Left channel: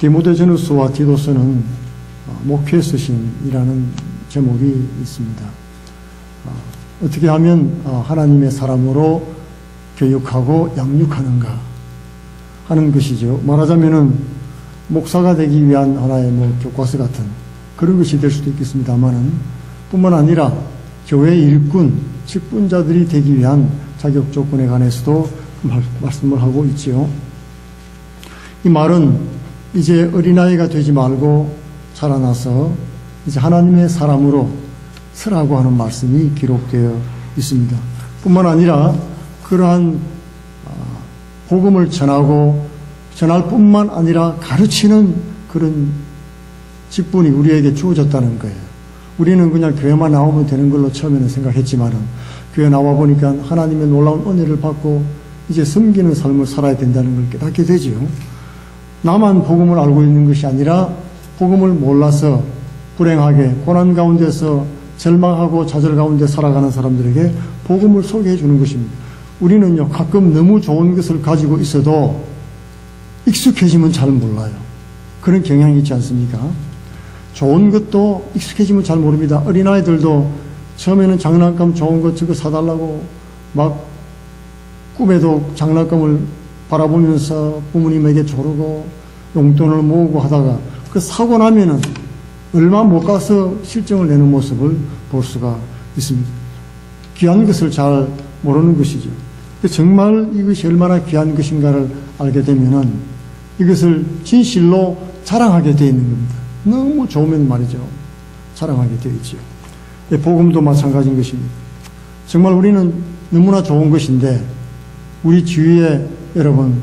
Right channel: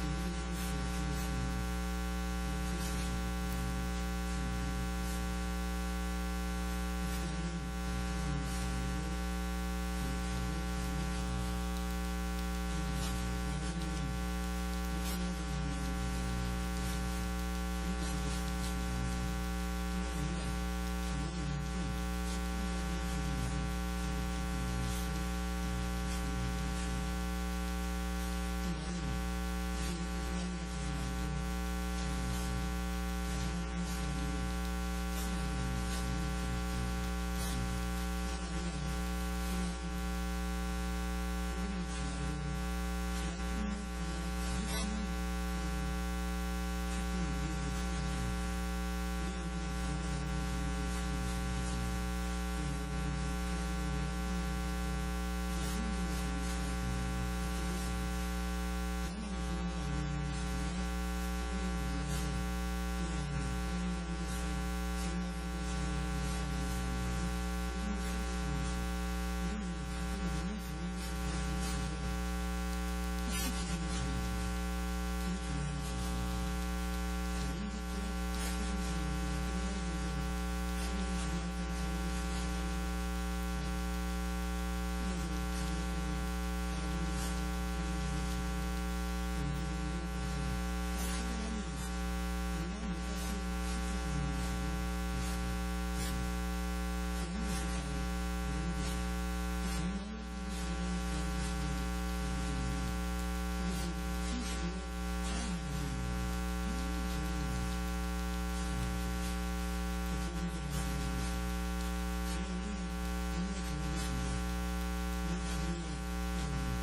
디모데전후서와 디도서는 목회 서신이라는 제목이 있습니다. 어떻게 하면 하나님의 사람으로 교육하고 양육하는가 하는 것이죠. 말하자면은 목사가 되기 위한 하나의 교과서 같은 그런 것이 될 수도 있겠습니다만은, 뿐만 아니라 교회 일꾼, 직분자들이 되기 위한 자격 조건에 관해서도 말씀을 하고 있지요. 이 말은 이제 어린아이가 되지 말고 자라나서 이제 하나님의 사람으로 서라고 하는 말씀이 기록되어 있습니다. 뿐만 아니라 그러한 복음을 전할 뿐만 아니라 가르치는 그런 직분이 우리에게 주어졌다는 거예요. 우리는 그냥 교회만 나오면 되는 걸로 처음에는 생각했지만은, 교회 나와 보니까 하나님의 놀라운 은혜를 받고 이제 섬기는 삶을 살아야 된다는 걸 깨닫게 되지요. 나만 복음을 알고 있는 것이 아니라 복음을 몰라서 불행하게 고난 가운데서 절망하고 좌절 가운데 살아가는 사람들에게 복음을 소개해 주는 것입니다. 우리는요, 가끔 너무 좋은 것을 가지고 있어도 익숙해지면 잘 몰라요. 그런 경향이 있지 않습니까? 좋은 것도 익숙해지면 잘 모릅니다. 어린아이들도 처음에는 장난감 좋은 거 저거 사달라고 막 꿈에도 장난감을 바라보면서 부모님에게 조르고 용돈을 모으고 하다가 그 사고 나면은 얼마 못 가서 실정을 내는 모습을 볼 수가 있습니다. 귀한 것을 잘 모르는 것이죠. 정말 이것이 얼마나 귀한 것인가를 알게 되면은 이것을 진실로 자랑하게 되어 있는 겁니다. 너무 좋으면 말이죠, 자랑하게 되어 있죠. 복음도 마찬가지인 것입니다. 정말 우리는 너무나 좋은 것인데, 우리 주위에 여러분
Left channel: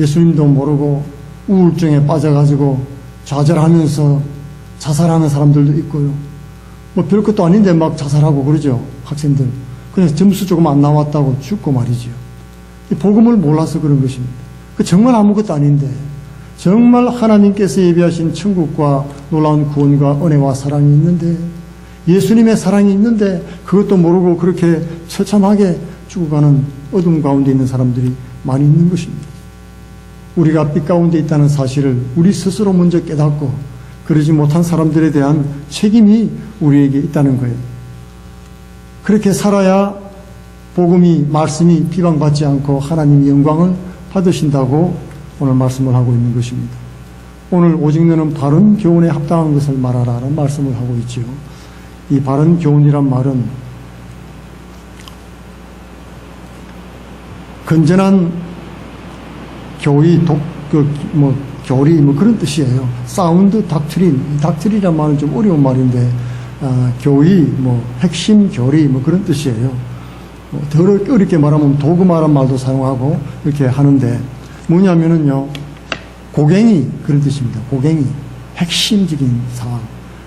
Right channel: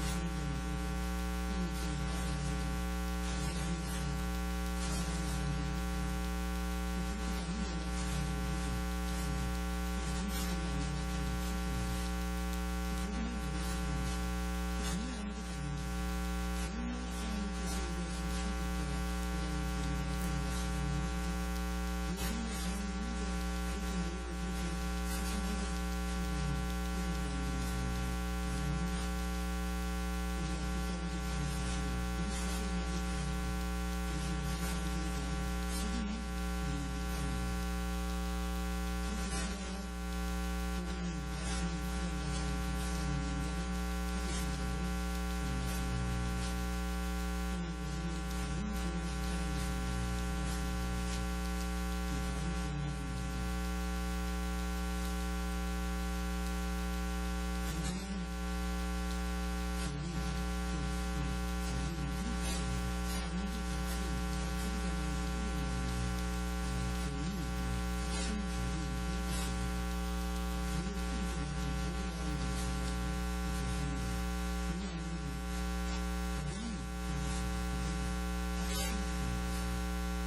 예수님도 모르고 우울증에 빠져가지고 좌절하면서 자살하는 사람들도 있고요. 뭐 별것도 아닌데 막 자살하고 그러죠. 학생들. 그래서 점수 조금 안 나왔다고 죽고 말이죠. 복음을 몰라서 그런 것입니다. 정말 아무것도 아닌데, 정말 하나님께서 예비하신 천국과 놀라운 구원과 은혜와 사랑이 있는데, 예수님의 사랑이 있는데 그것도 모르고 그렇게 처참하게 죽어가는 어둠 가운데 있는 사람들이 많이 있는 것입니다. 우리가 빛 가운데 있다는 사실을 우리 스스로 먼저 깨닫고 그러지 못한 사람들에 대한 책임이 우리에게 있다는 거예요. 그렇게 살아야 복음이, 말씀이 비방받지 않고 하나님의 영광을 받으신다고 오늘 말씀을 하고 있는 것입니다. 오늘 오직 너는 바른 교훈에 합당한 것을 말하라는 말씀을 하고 있지요. 이 바른 교훈이란 말은 건전한 교리, 교리 그런 뜻이에요. 사운드 닥트린, 닥트린이란 말은 좀 어려운 말인데, 교리, 핵심 교리 그런 뜻이에요. 더 어렵게 말하면 도구마란 말도 사용하고 이렇게 하는데, 뭐냐면은요, 고갱이 그런 뜻입니다. 고갱이, 핵심적인 사항.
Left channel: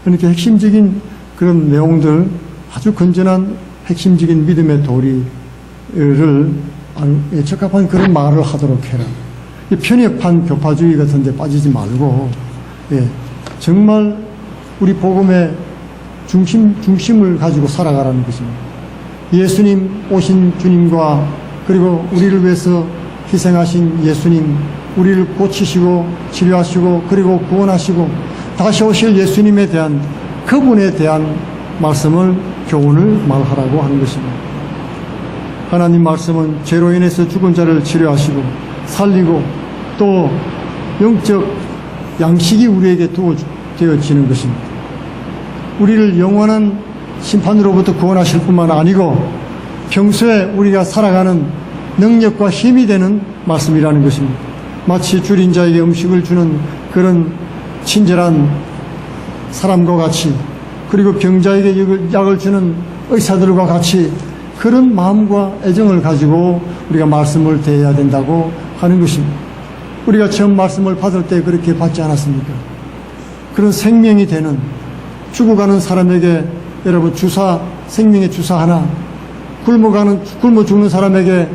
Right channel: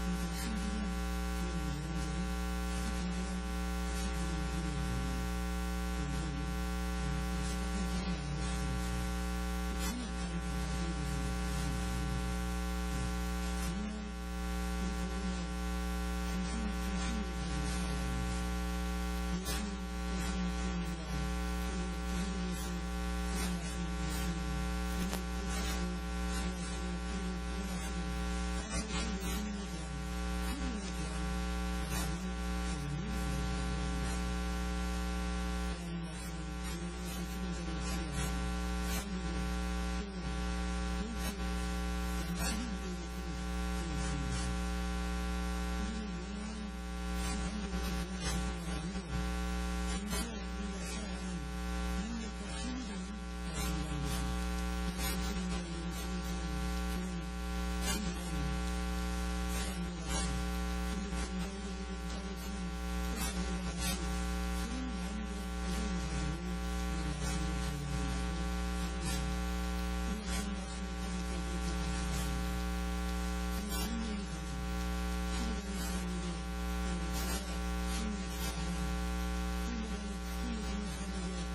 그러니까 핵심적인 그런 내용들, 아주 건전한 핵심적인 믿음의 도리를 적합한 그런 말을 하도록 해라. 편협한 교파주의 같은 데 빠지지 말고, 정말 우리 복음의 중심을 가지고 살아가라는 것입니다. 예수님 오신 주님과, 그리고 우리를 위해서 희생하신 예수님, 우리를 고치시고 치료하시고 그리고 구원하시고 다시 오실 예수님에 대한, 그분에 대한 말씀을, 교훈을 말하라고 하는 것입니다. 하나님 말씀은 죄로 인해서 죽은 자를 치료하시고 살리고 또 영적 양식이 우리에게 되어지는 것입니다. 우리를 영원한 심판으로부터 구원하실 뿐만 아니고 평소에 우리가 살아가는 능력과 힘이 되는 말씀이라는 것입니다. 마치 줄인 자에게 음식을 주는 그런 친절한 사람과 같이, 그리고 병자에게 약을 주는 의사들과 같이 그런 마음과 애정을 가지고 우리가 말씀을 대해야 된다고 하는 것입니다. 우리가 처음 말씀을 받을 때 그렇게 받지 않았습니까? 그런 생명이 되는, 죽어가는 사람에게 여러분 생명의 주사 하나, 굶어 죽는 사람에게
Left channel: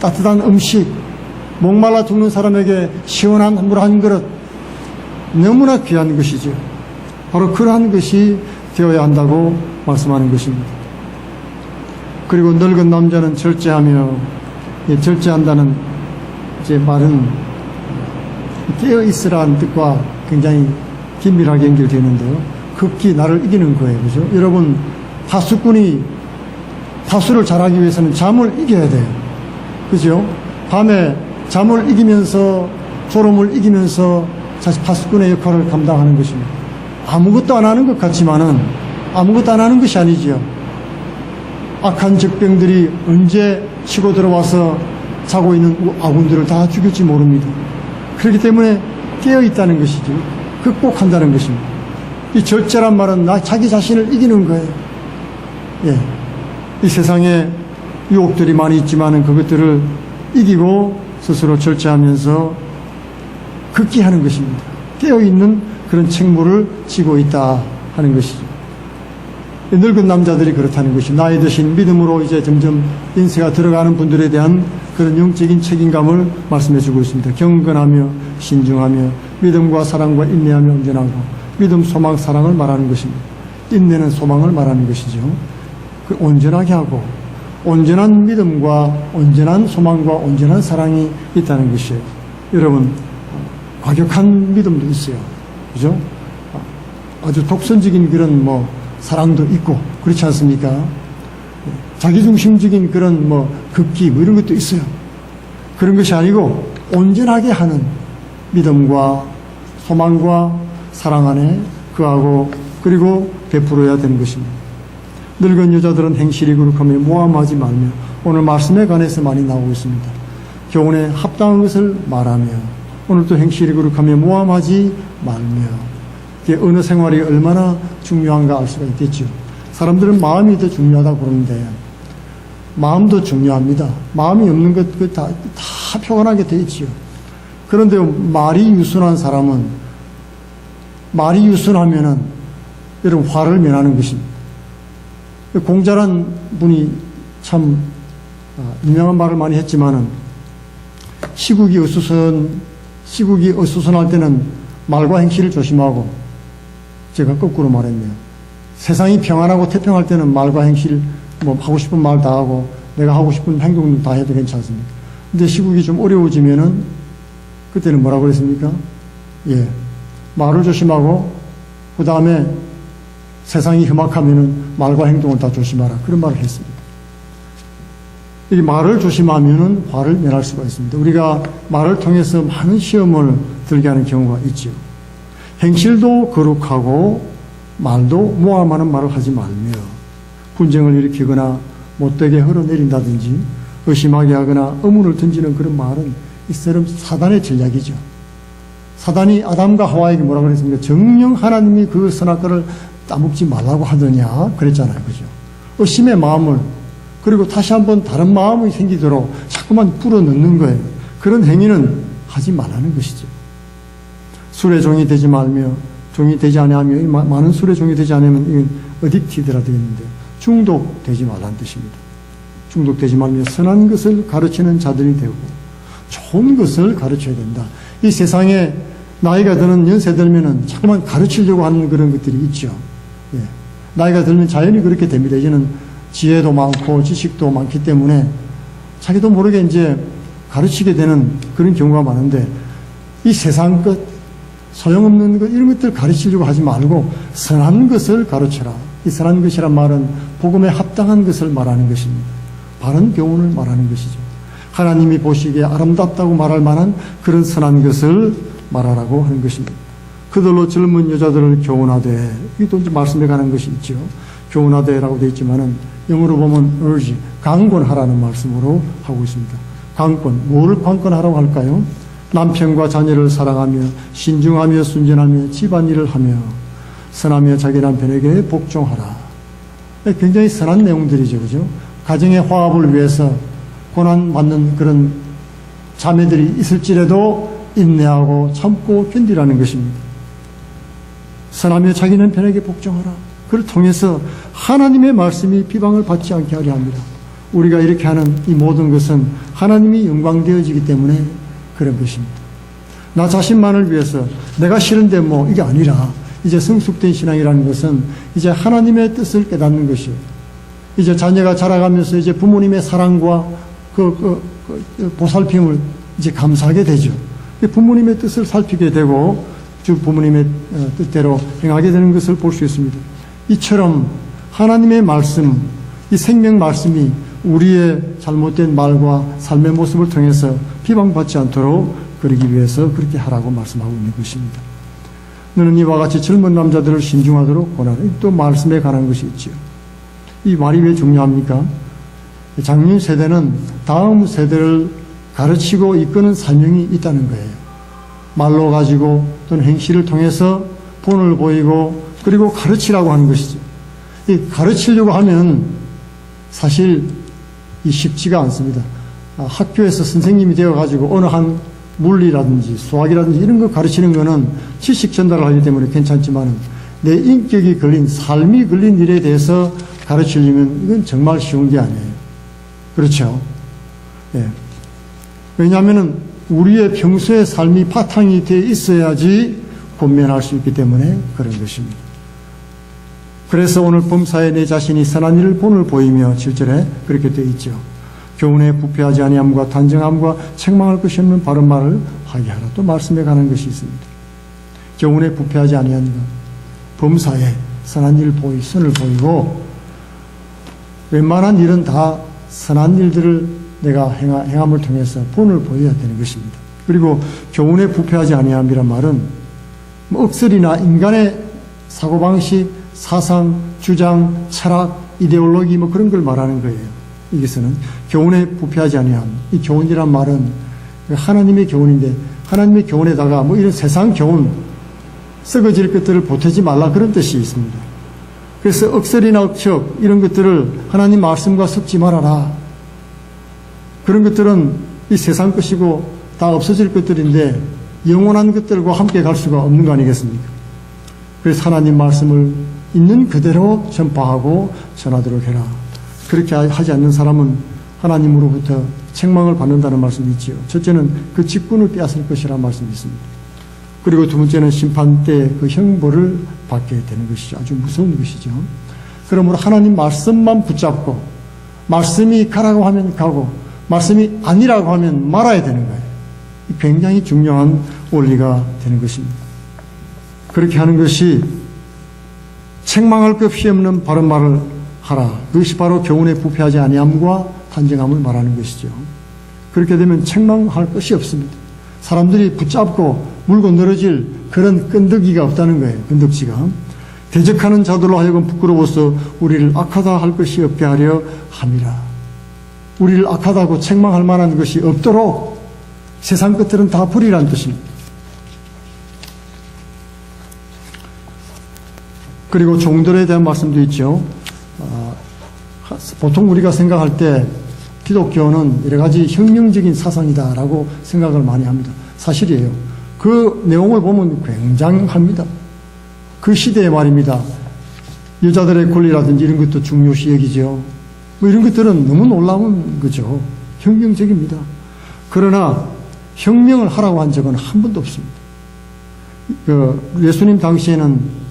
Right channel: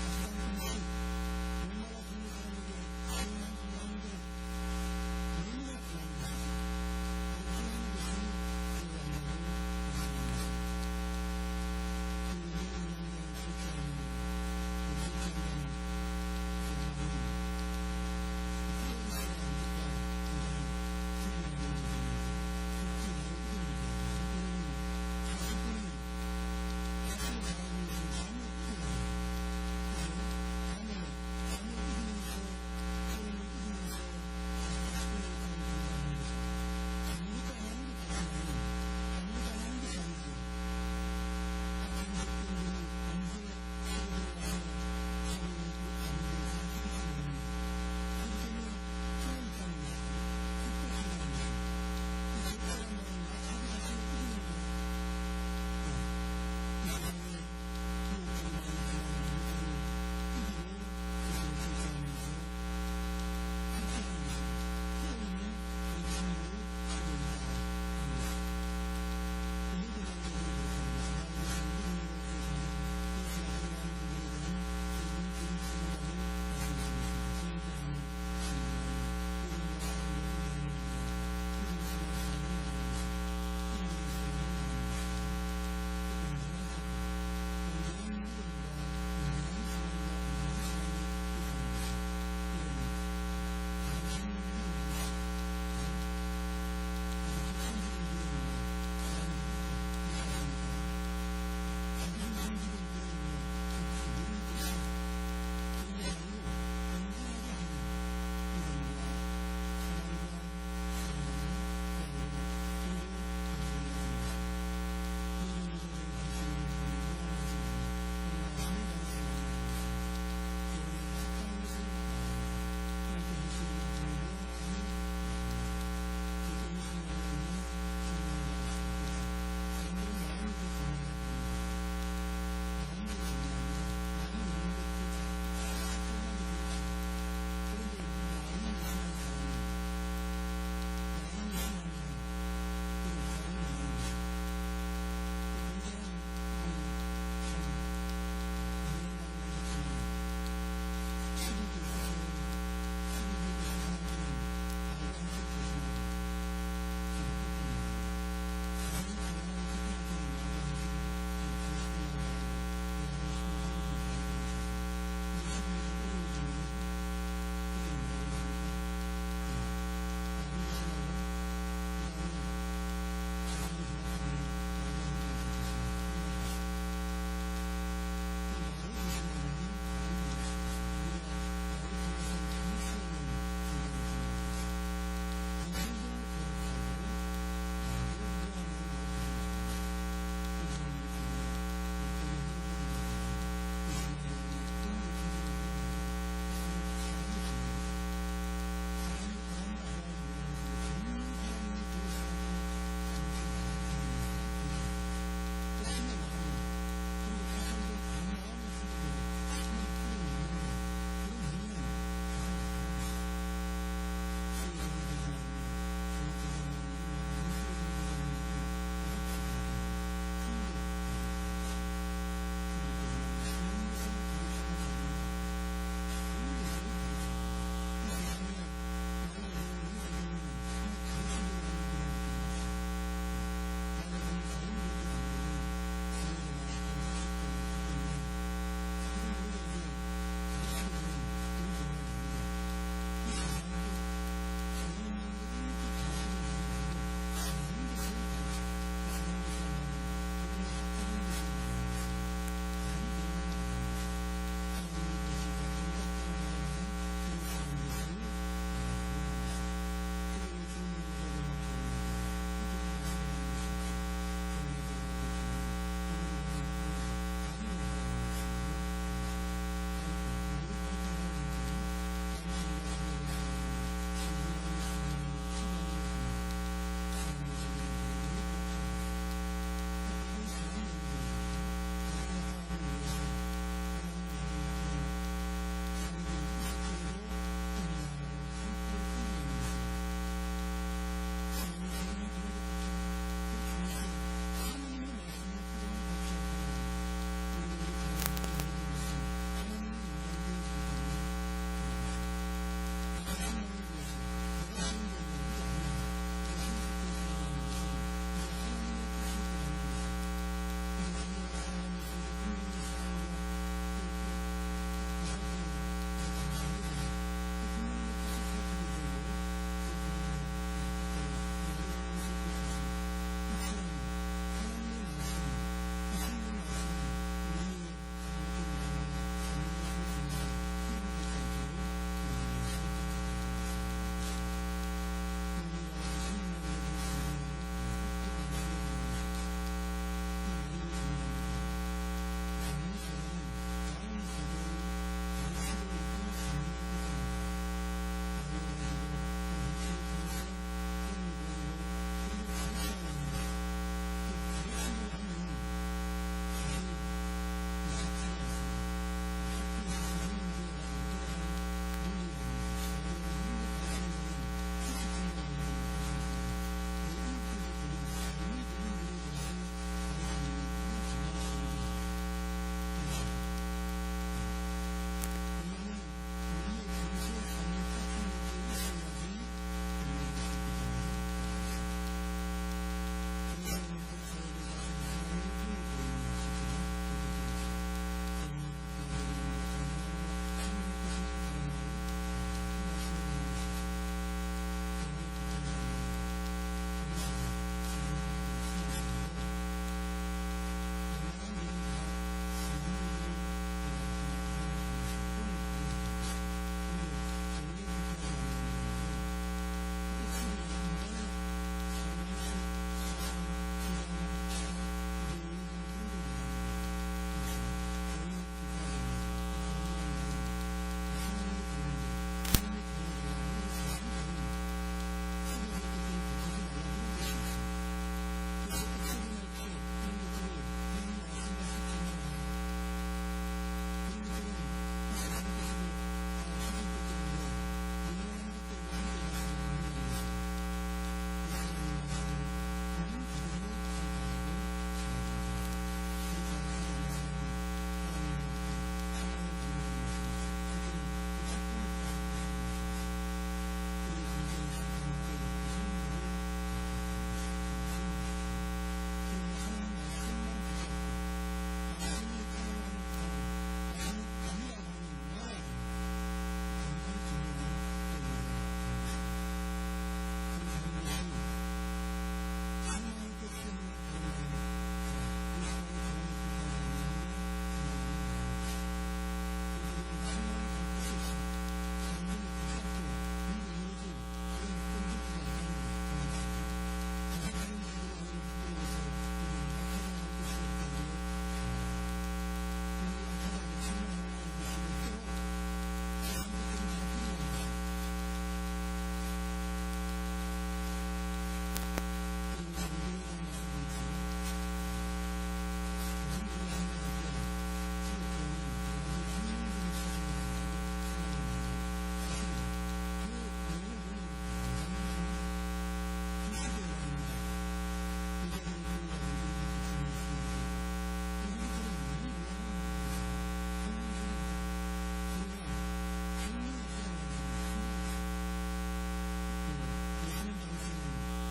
따뜻한 음식, 목말라 죽는 사람에게 시원한 물 한 그릇, 너무나 귀한 것이죠. 바로 그러한 것이 되어야 한다고 말씀하는 것입니다. 그리고 늙은 남자는 절제하며, 절제한다는 제 말은 깨어 있으라는 뜻과 굉장히 긴밀하게 연결되는데요. 극히 나를 이기는 거예요. 그죠? 여러분, 파수꾼이 파수를 잘하기 위해서는 잠을 이겨야 돼요. 그죠? 밤에 잠을 이기면서 졸음을 이기면서 사실 파수꾼의 역할을 감당하는 것입니다. 아무것도 안 하는 것 같지만은 아무것도 안 하는 것이 아니지요. 악한 적병들이 언제 치고 들어와서 자고 있는 아군들을 다 죽일지 모릅니다. 그렇기 때문에 깨어 있다는 것이죠. 극복한다는 것입니다. 이 절제란 말은 자기 자신을 이기는 거예요. 예. 이 세상에 유혹들이 많이 있지만은 그것들을 이기고 스스로 절제하면서 극기하는 것입니다. 깨어있는 그런 책무를 지고 있다 하는 것이죠. 늙은 남자들이 그렇다는 것이 나이 드신 믿음으로 이제 점점 인생가 들어가는 분들에 대한 그런 영적인 책임감을 말씀해 주고 있습니다. 경건하며 신중하며 믿음과 사랑과 인내하며 온전하고 믿음, 소망, 사랑을 말하는 것입니다. 인내는 소망을 말하는 것이죠. 그 온전하게 하고 온전한 믿음과 온전한 소망과 온전한 사랑이 있다는 것이에요. 여러분, 과격한 믿음도 있어요. 그죠? 아주 독선적인 그런 사랑도 있고 그렇지 않습니까? 자기중심적인 그런 극기 이런 것도 있어요. 그런 것이 아니고 온전하게 하는 믿음과 소망과 사랑 안에 그하고 그리고 베풀어야 되는 것입니다. 늙은 여자들은 행실이 거룩하며 모함하지 말며 오늘 말씀에 관해서 많이 나오고 있습니다. 교훈에 합당한 것을 말하며 오늘도 행실이 거룩하며 모함하지 말며 어느 생활이 얼마나 중요한가 알 수가 있겠죠. 사람들은 마음이 더 중요하다고 그러는데 마음도 중요합니다. 마음이 없는 것 다 표현하게 돼 있지요. 그런데 말이 유순한 사람은 말이 유순하면은 여러분 화를 면하는 것입니다. 공자란 분이 참 유명한 말을 많이 했지만은 시국이 어수선할 때는 말과 행실을 조심하고 제가 거꾸로 말했네요. 세상이 평안하고 태평할 때는 말과 행실 하고 싶은 말 다 하고 내가 하고 싶은 행동 다 해도 괜찮습니다. 근데 시국이 좀 어려워지면은 그때는 뭐라고 그랬습니까? 예. 말을 조심하고 그 다음에 세상이 험악하면은 말과 행동을 다 조심하라. 그런 말을 했습니다. 이 말을 조심하면은 화를 면할 수가 있습니다. 우리가 말을 통해서 많은 시험을 들게 하는 경우가 있죠. 행실도 거룩하고 말도 모함하는 말을 하지 말며 분쟁을 일으키거나 못되게 흘러내린다든지 의심하게 하거나 의문을 던지는 그런 말은 이처럼 사단의 전략이죠. 사단이 아담과 하와에게 뭐라고 그랬습니까? 정녕 하나님이 그 선악과를 따먹지 말라고 하더냐 그랬잖아요. 그죠? 의심의 마음을 그리고 다시 한번 다른 마음이 생기도록 자꾸만 불어넣는 거예요. 그런 행위는 하지 말라는 것이죠. 술의 종이 되지 말며 종이 되지 아니하며 많은 술의 종이 되지 않으면 이건 어딕티드라 되어 있는데 중독되지 말라는 뜻입니다. 중독되지 말며 선한 것을 가르치는 자들이 되고 좋은 것을 가르쳐야 된다. 이 세상에 나이가 드는 연세 들면은 자꾸만 가르치려고 하는 그런 것들이 있죠. 예. 나이가 들면 자연히 그렇게 됩니다. 이제는 지혜도 많고 지식도 많기 때문에 자기도 모르게 이제 가르치게 되는 그런 경우가 많은데 이 세상 것, 소용없는 것, 이런 것들 가르치려고 하지 말고 선한 것을 가르쳐라. 이 선한 것이란 말은 복음에 합당한 것을 말하는 것입니다. 바른 교훈을 말하는 것이죠. 하나님이 보시기에 아름답다고 말할 만한 그런 선한 것을 말하라고 하는 것입니다. 그들로 젊은 여자들을 교훈하되, 이것도 이제 말씀에 관한 것이 있죠. 교훈하되라고 되어 있지만은 영어로 보면 urge, 강권하라는 말씀으로 하고 있습니다. 강권, 뭐를 강권하라고 할까요? 남편과 자녀를 사랑하며 신중하며 순전하며 집안일을 하며 선하며 자기 남편에게 복종하라. 굉장히 선한 내용들이죠. 그죠? 가정의 화합을 위해서 고난받는 그런 자매들이 있을지라도 인내하고 참고 견디라는 것입니다. 선하며 자기 남편에게 복종하라. 그를 통해서 하나님의 말씀이 비방을 받지 않게 하려 합니다. 우리가 이렇게 하는 이 모든 것은 하나님이 영광되어지기 때문에 그런 것입니다. 나 자신만을 위해서 내가 싫은데 이게 아니라 이제 성숙된 신앙이라는 것은 이제 하나님의 뜻을 깨닫는 것이에요. 이제 자녀가 자라가면서 이제 부모님의 사랑과 그 보살핌을 이제 감사하게 되죠. 부모님의 뜻을 살피게 되고 주 부모님의 뜻대로 행하게 되는 것을 볼 수 있습니다. 이처럼 하나님의 말씀, 이 생명 말씀이 우리의 잘못된 말과 삶의 모습을 통해서 비방받지 않도록 그러기 위해서 그렇게 하라고 말씀하고 있는 것입니다. 너는 이와 같이 젊은 남자들을 신중하도록 권하라. 또 말씀에 관한 것이 있죠. 이 말이 왜 중요합니까? 장년 세대는 다음 세대를 가르치고 이끄는 사명이 있다는 거예요. 말로 가지고 또는 행실을 통해서 본을 보이고 그리고 가르치라고 하는 것이죠. 이 가르치려고 하면 사실 이 쉽지가 않습니다. 학교에서 선생님이 되어가지고 어느 한 물리라든지 수학이라든지 이런 거 가르치는 거는 지식 전달을 하기 때문에 괜찮지만 내 인격이 걸린 삶이 걸린 일에 대해서 가르치려면 이건 정말 쉬운 게 아니에요. 그렇죠? 예. 왜냐하면 우리의 평소의 삶이 바탕이 되어 있어야지 권면할 수 있기 때문에 그런 것입니다. 그래서 오늘 범사에 내 자신이 선한 일을 본을 보이며 7절에 그렇게 되어 있죠. 교훈에 부패하지 아니함과 단정함과 책망할 것이 없는 바른 말을 하게 하라. 또 말씀에 관한 것이 있습니다. 교훈에 부패하지 아니함과 범사에 선한 일을 선을 보이고 웬만한 일은 다 선한 일들을 내가 행함을 통해서 본을 보여야 되는 것입니다. 그리고 교훈에 부패하지 아니함이란 말은 억설이나 인간의 사고방식, 사상, 주장, 철학, 이데올로기 그런 걸 말하는 거예요. 여기서는 교훈에 부패하지 아니함. 이 교훈이란 말은 하나님의 교훈인데 하나님의 교훈에다가 이런 세상 교훈, 썩어질 것들을 보태지 말라 그런 뜻이 있습니다. 그래서 억설이나 억척 이런 것들을 하나님 말씀과 섞지 말아라. 그런 것들은 이 세상 것이고 다 없어질 것들인데 영원한 것들과 함께 갈 수가 없는 거 아니겠습니까? 그래서 하나님 말씀을 있는 그대로 전파하고 전하도록 해라. 그렇게 하지 않는 사람은 하나님으로부터 책망을 받는다는 말씀이 있지요. 첫째는 그 직분을 빼앗을 것이라는 말씀이 있습니다. 그리고 두 번째는 심판 때 그 형벌을 받게 되는 것이죠. 아주 무서운 것이죠. 그러므로 하나님 말씀만 붙잡고 말씀이 가라고 하면 가고 말씀이 아니라고 하면 말아야 되는 거예요. 굉장히 중요한 원리가 되는 것입니다. 그렇게 하는 것이 책망할 것이 없는 바른 말을 하라. 그것이 바로 교훈에 부패하지 아니함과 단정함을 말하는 것이죠. 그렇게 되면 책망할 것이 없습니다. 사람들이 붙잡고 물고 늘어질 그런 끈덕이가 없다는 거예요. 끈덕지가. 대적하는 자들로 하여금 부끄러워서 우리를 악하다 할 것이 없게 하려 함이라. 우리를 악하다고 책망할 만한 것이 없도록 세상 것들은 다 버리라는 뜻입니다. 그리고 종들에 대한 말씀도 있죠. 보통 우리가 생각할 때 기독교는 여러 가지 혁명적인 사상이다라고 생각을 많이 합니다. 사실이에요. 그 내용을 보면 굉장합니다. 그 시대의 말입니다. 여자들의 권리라든지 이런 것도 중요시 여기죠. 이런 것들은 너무 놀라운 거죠. 혁명적입니다. 그러나 혁명을 하라고 한 적은 한 번도 없습니다. 예수님 당시에는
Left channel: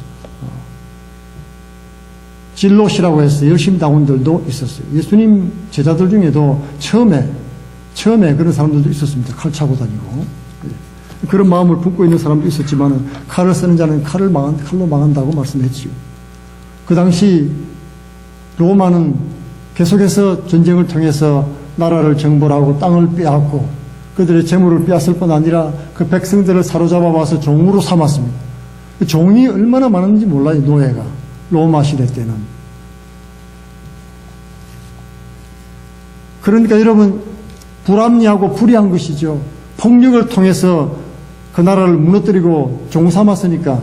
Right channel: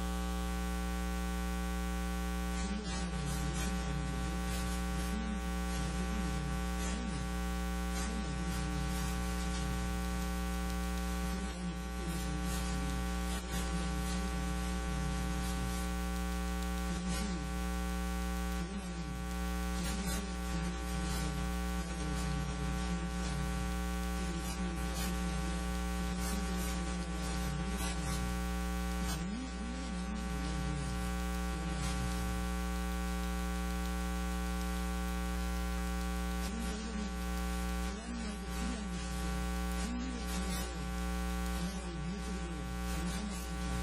진로시라고 해서 열심당원들도 있었어요. 예수님 제자들 중에도 처음에 그런 사람들도 있었습니다. 칼 차고 다니고. 그런 마음을 품고 있는 사람도 있었지만 칼을 쓰는 자는 칼로 망한다고 말씀했지요. 그 당시 로마는 계속해서 전쟁을 통해서 나라를 정벌하고 땅을 빼앗고 그들의 재물을 빼앗을 뿐 아니라 그 백성들을 사로잡아 와서 종으로 삼았습니다. 그 종이 얼마나 많은지 몰라요. 노예가. 로마 시대 때는. 그러니까 여러분 불합리하고 불의한 것이죠. 폭력을 통해서 그 나라를 무너뜨리고 종 삼았으니까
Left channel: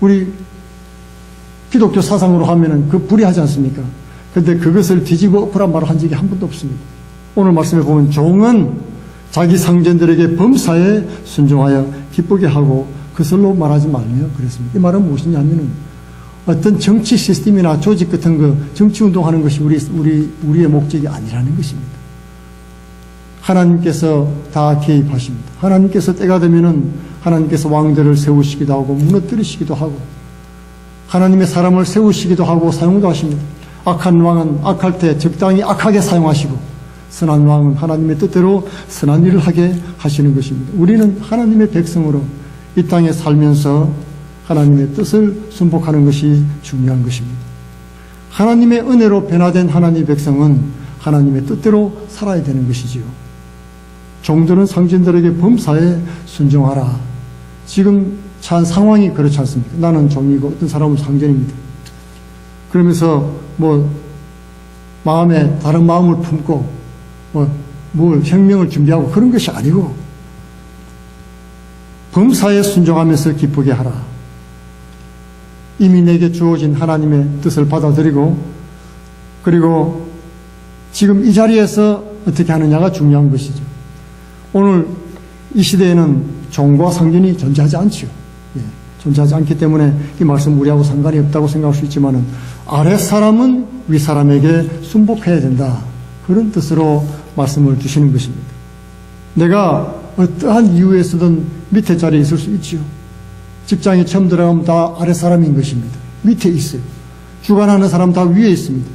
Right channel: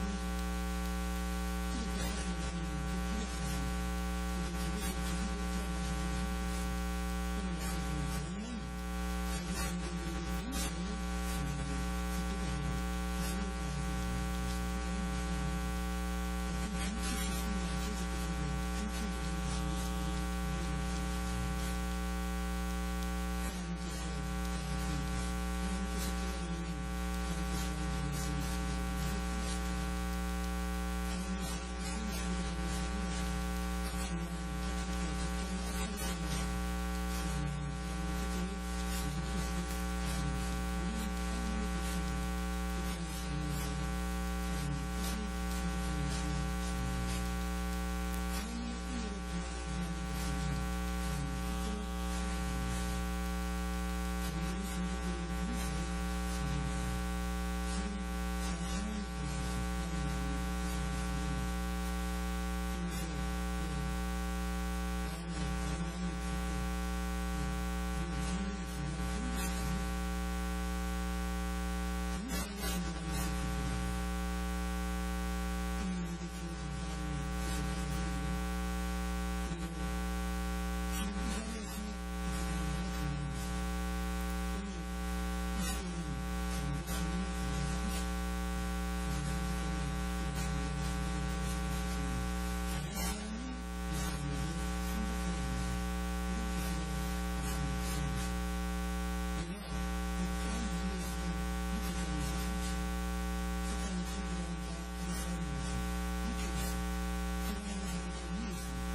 우리 기독교 사상으로 하면은 그 불의하지 않습니까? 그런데 그것을 뒤집어 엎으란 말을 한 적이 한 번도 없습니다. 오늘 말씀에 보면 종은 자기 상전들에게 범사에 순종하여 기쁘게 하고 그것을로 말하지 말며 그랬습니다. 이 말은 무엇이냐면은 어떤 정치 시스템이나 조직 같은 거 정치 운동하는 것이 우리의 목적이 아니라는 것입니다. 하나님께서 다 개입하십니다. 하나님께서 때가 되면은 하나님께서 왕들을 세우시기도 하고 무너뜨리시기도 하고 하나님의 사람을 세우시기도 하고 사용도 하십니다. 악한 왕은 악할 때 적당히 악하게 사용하시고 선한 왕은 하나님의 뜻대로 선한 일을 하게 하시는 것입니다. 우리는 하나님의 백성으로 이 땅에 살면서 하나님의 뜻을 순복하는 것이 중요한 것입니다. 하나님의 은혜로 변화된 하나님의 백성은 하나님의 뜻대로 살아야 되는 것이지요. 종들은 상전들에게 범사에 순종하라. 지금 처한 상황이 그렇지 않습니다. 나는 종이고 어떤 사람은 상전입니다. 그러면서 마음에 다른 마음을 품고 뭘 혁명을 준비하고 그런 것이 아니고 범사에 순종하면서 기쁘게 하라. 이미 내게 주어진 하나님의 뜻을 받아들이고 그리고 지금 이 자리에서 어떻게 하느냐가 중요한 것이죠. 오늘 이 시대에는 종과 상전이 존재하지 않죠. 존재하지 않기 때문에 이 말씀 우리하고 상관이 없다고 생각할 수 있지만 아랫사람은 윗사람에게 순복해야 된다. 그런 뜻으로 말씀을 주시는 것입니다. 내가 어떠한 이유에서든 밑에 자리에 있을 수 있지요. 직장에 처음 들어가면 다 아랫사람인 것입니다. 밑에 있어요. 주관하는 사람 다 위에 있습니다.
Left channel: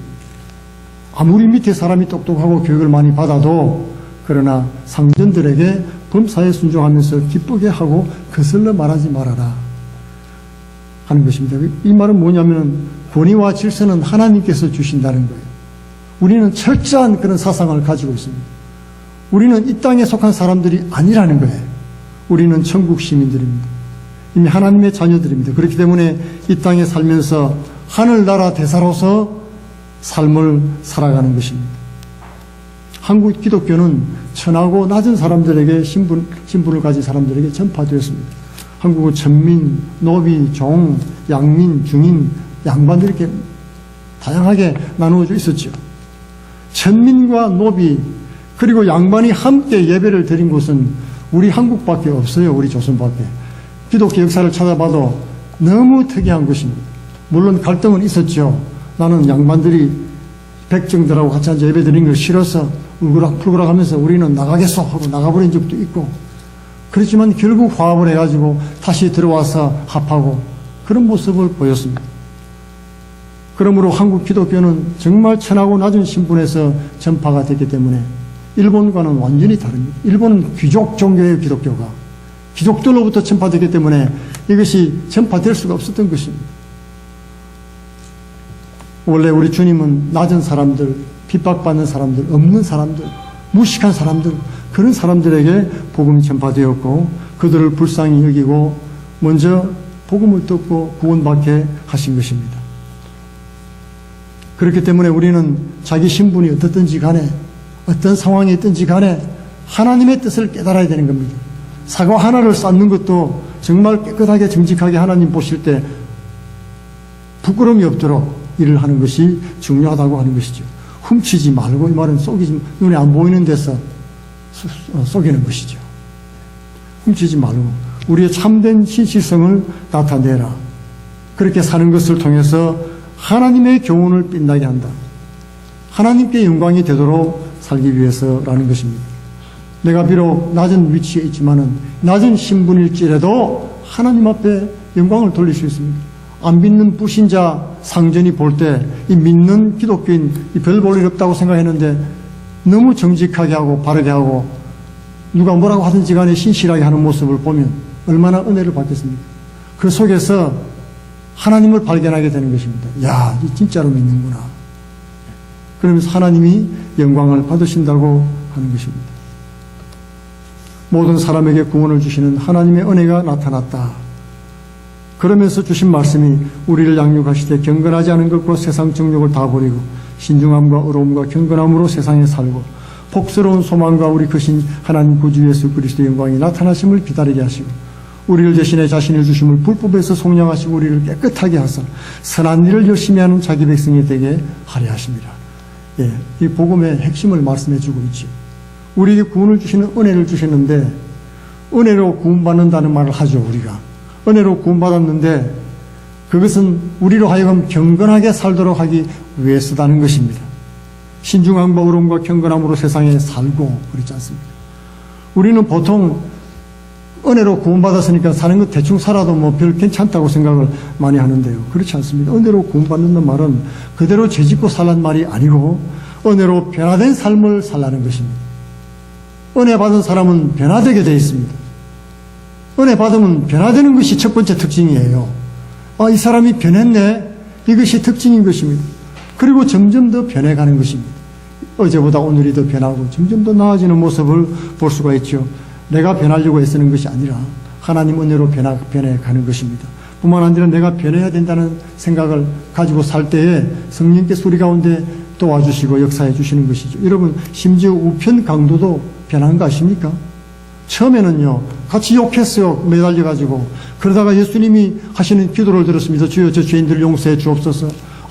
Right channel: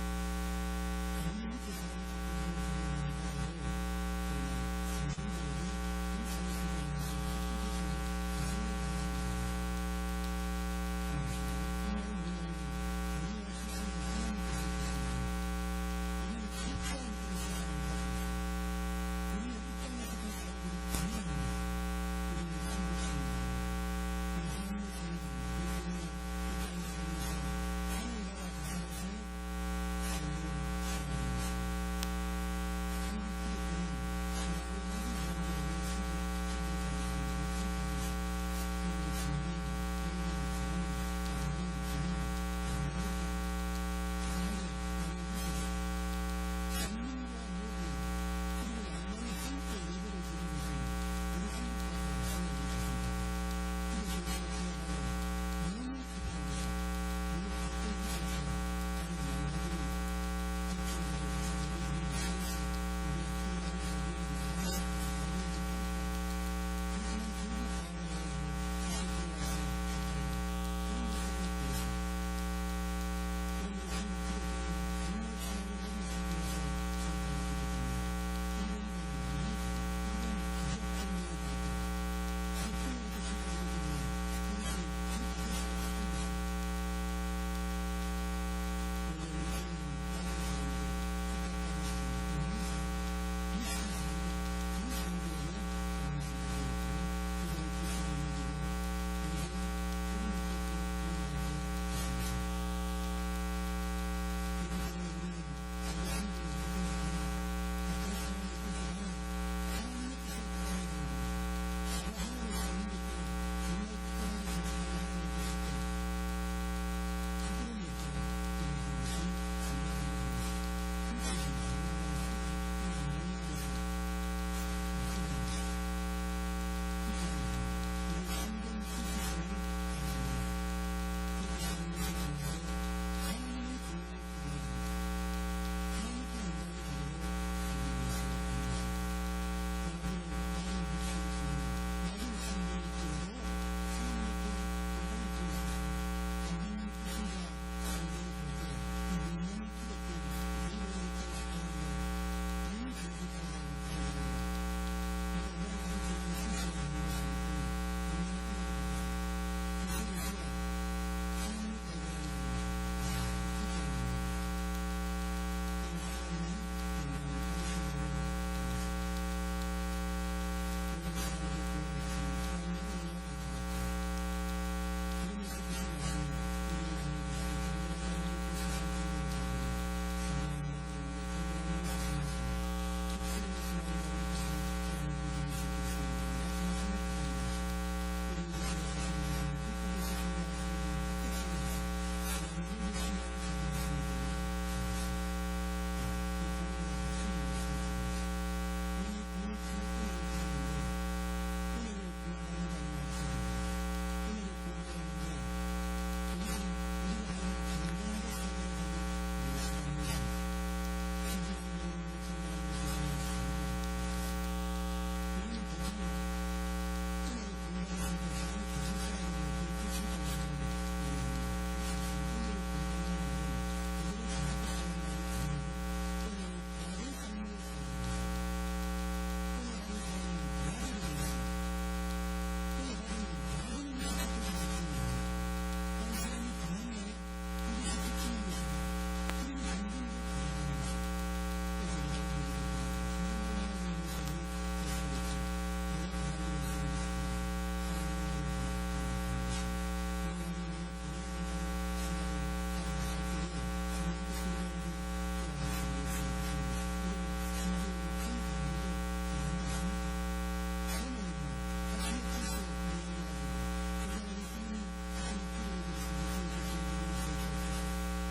아무리 밑에 사람이 똑똑하고 교육을 많이 받아도 그러나 상전들에게 범사에 순종하면서 기쁘게 하고 거슬러 말하지 말아라 하는 것입니다. 이 말은 뭐냐면 권위와 질서는 하나님께서 주신다는 거예요. 우리는 철저한 그런 사상을 가지고 있습니다. 우리는 이 땅에 속한 사람들이 아니라는 거예요. 우리는 천국 시민들입니다. 이미 하나님의 자녀들입니다. 그렇기 때문에 이 땅에 살면서 하늘나라 대사로서 삶을 살아가는 것입니다. 한국 기독교는 천하고 낮은 사람들에게 신분을 가진 사람들에게 전파되었습니다. 한국은 천민, 노비, 종, 양민, 중인, 양반 이렇게 다양하게 나누어져 있었죠. 천민과 노비 그리고 양반이 함께 예배를 드린 곳은 우리 한국밖에 없어요. 우리 조선밖에. 기독교 역사를 찾아봐도 너무 특이한 것입니다. 물론 갈등은 있었죠. 나는 양반들이 백정들하고 같이 앉아 예배 드린 걸 싫어서 울그락불그락 하면서 우리는 나가겠소 하고 나가버린 적도 있고 그렇지만 결국 화합을 해가지고 다시 들어와서 합하고 그런 모습을 보였습니다. 그러므로 한국 기독교는 정말 천하고 낮은 신분에서 전파가 됐기 때문에 일본과는 완전히 다릅니다. 일본은 귀족 종교의 기독교가 귀족들로부터 전파되기 때문에 이것이 전파될 수가 없었던 것입니다. 원래 우리 주님은 낮은 사람들, 핍박받는 사람들, 없는 사람들, 무식한 사람들 그런 사람들에게 복음이 전파되었고 그들을 불쌍히 여기고 먼저 복음을 듣고 구원받게 하신 것입니다. 그렇기 때문에 우리는 자기 신분이 어떻든지 간에 어떤 상황이 있든지 간에 하나님의 뜻을 깨달아야 되는 겁니다. 사과 하나를 쌓는 것도 정말 깨끗하게 정직하게 하나님 보실 때 부끄러움이 없도록 일을 하는 것이 중요하다고 하는 것이죠. 훔치지 말고 이 말은 속이지 눈에 안 보이는 데서 속이는 것이죠. 훔치지 말고 우리의 참된 신실성을 나타내라. 그렇게 사는 것을 통해서 하나님의 교훈을 빛나게 한다. 하나님께 영광이 되도록 살기 위해서라는 것입니다. 내가 비록 낮은 위치에 있지만은 낮은 신분일지라도 하나님 앞에 영광을 돌릴 수 있습니다. 안 믿는 불신자 상전이 볼 때 이 믿는 기독교인 별 볼 일 없다고 생각했는데 너무 정직하게 하고 바르게 하고 누가 뭐라고 하든지 간에 신실하게 하는 모습을 보면 얼마나 은혜를 받겠습니까? 그 속에서 하나님을 발견하게 되는 것입니다. 야, 이 진짜로 믿는구나. 그러면서 하나님이 영광을 받으신다고 하는 것입니다. 모든 사람에게 구원을 주시는 하나님의 은혜가 나타났다. 그러면서 주신 말씀이 우리를 양육하시되 경건하지 않은 것과 세상 정욕을 다 버리고 신중함과 의로움과 경건함으로 세상에 살고 복스러운 소망과 우리 크신 하나님 구주 예수 그리스도의 영광이 나타나심을 기다리게 하시고 우리를 대신해 자신을 주심을 불법에서 속량하시고 우리를 깨끗하게 하사 선한 일을 열심히 하는 자기 백성이 되게 하려 하십니다. 예, 이 복음의 핵심을 말씀해 주고 있죠. 우리에게 구원을 주시는 은혜를 주셨는데 은혜로 구원받는다는 말을 하죠. 우리가 은혜로 구원받았는데 그것은 우리로 하여금 경건하게 살도록 하기 위해서다는 것입니다. 신중함과 의로움과 경건함으로 세상에 살고 그렇지 않습니까? 우리는 보통 은혜로 구원받았으니까 사는 것 대충 살아도 뭐 별 괜찮다고 생각을 많이 하는데요. 그렇지 않습니다. 은혜로 구원받는다는 말은 그대로 죄짓고 살란 말이 아니고 은혜로 변화된 삶을 살라는 것입니다. 은혜 받은 사람은 변화되게 되어 있습니다. 은혜 받으면 변화되는 것이 첫 번째 특징이에요. 이 사람이 변했네. 이것이 특징인 것입니다. 그리고 점점 더 변해가는 것입니다. 어제보다 오늘이 더 변하고 점점 더 나아지는 모습을 볼 수가 있죠. 내가 변하려고 애쓰는 것이 아니라 하나님 은혜로 변해가는 것입니다. 뿐만 아니라 내가 변해야 된다는 생각을 가지고 살 때에 성령께서 우리 가운데 도와주시고 역사해 주시는 것이죠. 여러분, 심지어 우편 강도도 변한 거 아십니까? 처음에는요, 같이 욕했어요. 매달려가지고. 그러다가 예수님이 하시는 기도를 들었습니다. 주여, 저 죄인들을 용서해 주옵소서.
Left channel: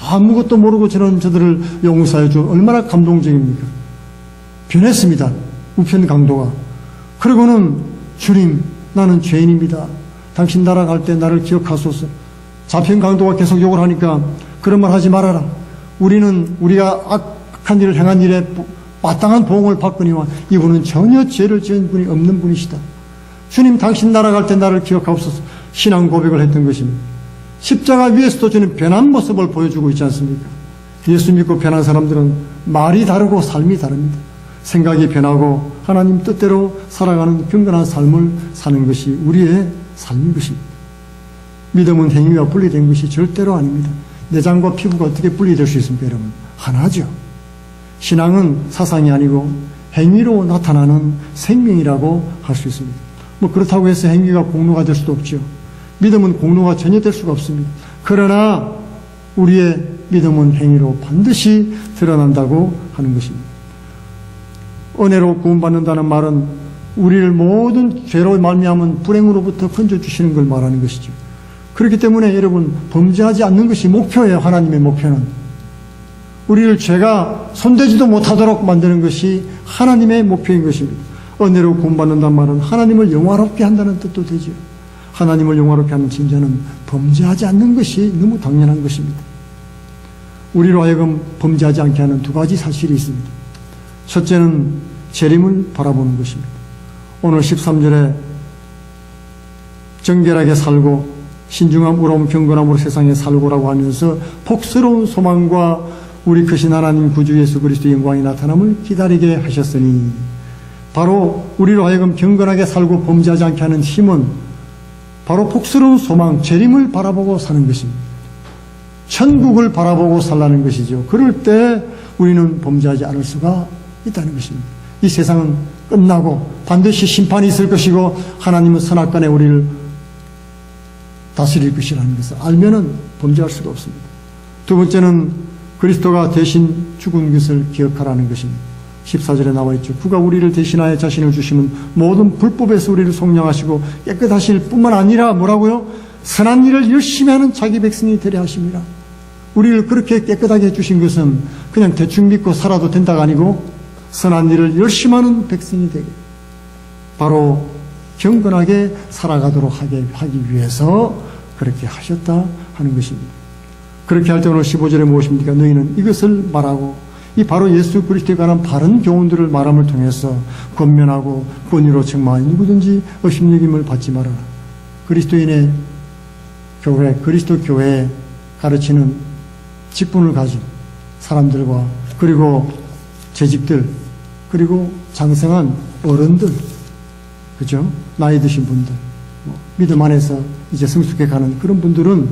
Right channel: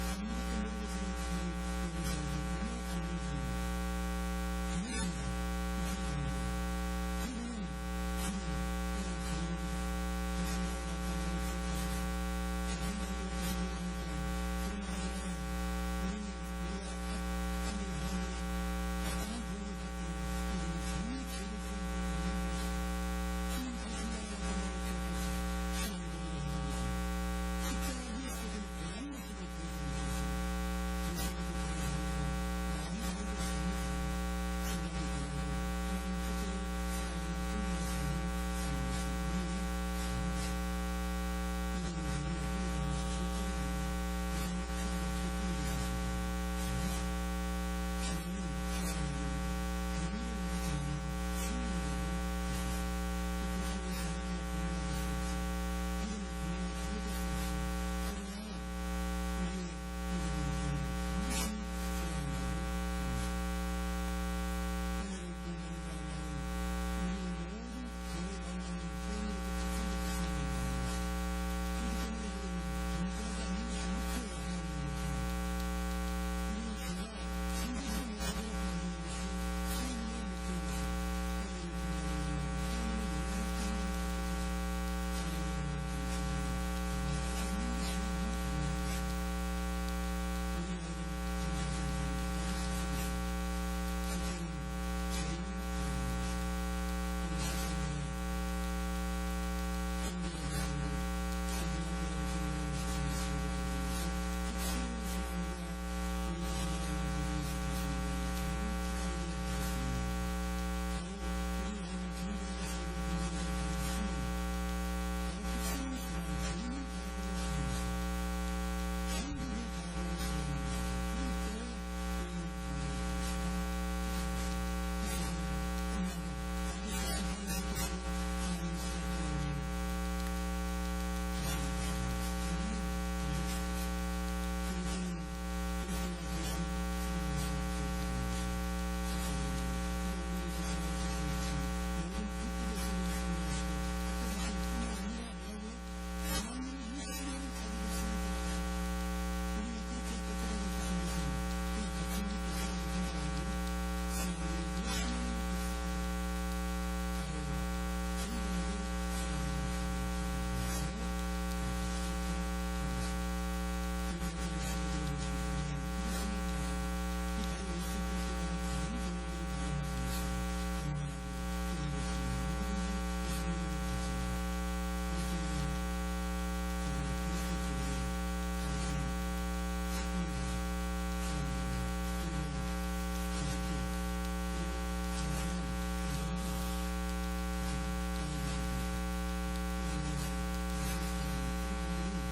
아무것도 모르고 저들을 용서해 주. 얼마나 감동적입니까? 변했습니다. 우편 강도가. 그리고는 주님, 나는 죄인입니다. 당신 나라 갈 때 나를 기억하소서. 좌편 강도가 계속 욕을 하니까 그런 말 하지 말아라. 우리가 악한 일을 행한 일에 마땅한 보응을 받거니와 이분은 전혀 죄를 지은 분이 없는 분이시다. 주님, 당신 나라 갈 때 나를 기억하옵소서. 신앙 고백을 했던 것입니다. 십자가 위에서도 주님 변한 모습을 보여주고 있지 않습니까? 예수 믿고 변한 사람들은 말이 다르고 삶이 다릅니다. 생각이 변하고 하나님 뜻대로 살아가는 경건한 삶을 사는 것이 우리의 삶인 것입니다. 믿음은 행위와 분리된 것이 절대로 아닙니다. 내장과 피부가 어떻게 분리될 수 있습니까, 여러분? 하나죠. 신앙은 사상이 아니고 행위로 나타나는 생명이라고 할 수 있습니다. 그렇다고 해서 행위가 공로가 될 수도 없죠. 믿음은 공로가 전혀 될 수가 없습니다. 그러나 우리의 믿음은 행위로 반드시 드러난다고 하는 것입니다. 은혜로 구원받는다는 말은 우리를 모든 죄로 말미암은 불행으로부터 건져주시는 걸 말하는 것이죠. 그렇기 때문에 여러분, 범죄하지 않는 것이 목표예요. 하나님의 목표는. 우리를 죄가 손대지도 못하도록 만드는 것이 하나님의 목표인 것입니다. 은혜로 구원받는다는 말은 하나님을 영화롭게 한다는 뜻도 되죠. 하나님을 영화롭게 하는 진짜는 범죄하지 않는 것이 너무 당연한 것입니다. 우리로 하여금 범죄하지 않게 하는 두 가지 사실이 있습니다. 첫째는 재림을 바라보는 것입니다. 오늘 13절에 정결하게 살고 신중함, 의로움, 경건함으로 세상에 살고라고 하면서 복스러운 소망과 우리 크신 하나님 구주 예수 그리스도의 영광이 나타남을 기다리게 하셨으니, 바로 우리로 하여금 경건하게 살고 범죄하지 않게 하는 힘은 바로 복스러운 소망, 재림을 바라보고 사는 것입니다. 천국을 바라보고 살라는 것이죠. 그럴 때 우리는 범죄하지 않을 수가 있다는 것입니다. 이 세상은 끝나고 반드시 심판이 있을 것이고 하나님은 선악간에 우리를 다스릴 것이라는 것을 알면은 범죄할 수가 없습니다. 두 번째는 그리스도가 대신 죽은 것을 기억하라는 것입니다. 14절에 나와 있죠. 그가 우리를 대신하여 자신을 주시면 모든 불법에서 우리를 속량하시고 깨끗하실 뿐만 아니라 뭐라고요? 선한 일을 열심히 하는 자기 백성이 되려 하십니다. 우리를 그렇게 깨끗하게 해주신 것은 그냥 대충 믿고 살아도 된다가 아니고 선한 일을 열심히 하는 백성이 되게, 바로 경건하게 살아가도록 하기 위해서 그렇게 하셨다 하는 것입니다. 그렇게 할 때 오늘 15절에 무엇입니까? 너희는 이것을 말하고, 이 바로 예수 그리스도에 관한 바른 교훈들을 말함을 통해서 권면하고 권위로 책망하여 누구든지 업신여김을 받지 마라. 그리스도인의 교회, 그리스도 교회에 가르치는 직분을 가진 사람들과, 그리고 재직들, 그리고 장성한 어른들, 그죠? 나이 드신 분들, 믿음 안에서 이제 성숙해 가는 그런 분들은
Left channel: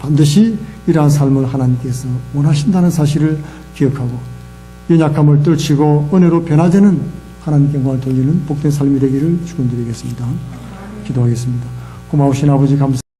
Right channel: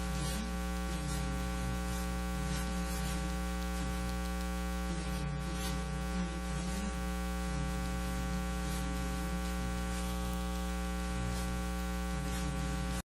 반드시 이러한 삶을 하나님께서 원하신다는 사실을 기억하고 연약함을 떨치고 은혜로 변화되는 하나님께 영광을 돌리는 복된 삶이 되기를 축원드리겠습니다. 기도하겠습니다. 고마우신 아버지 감사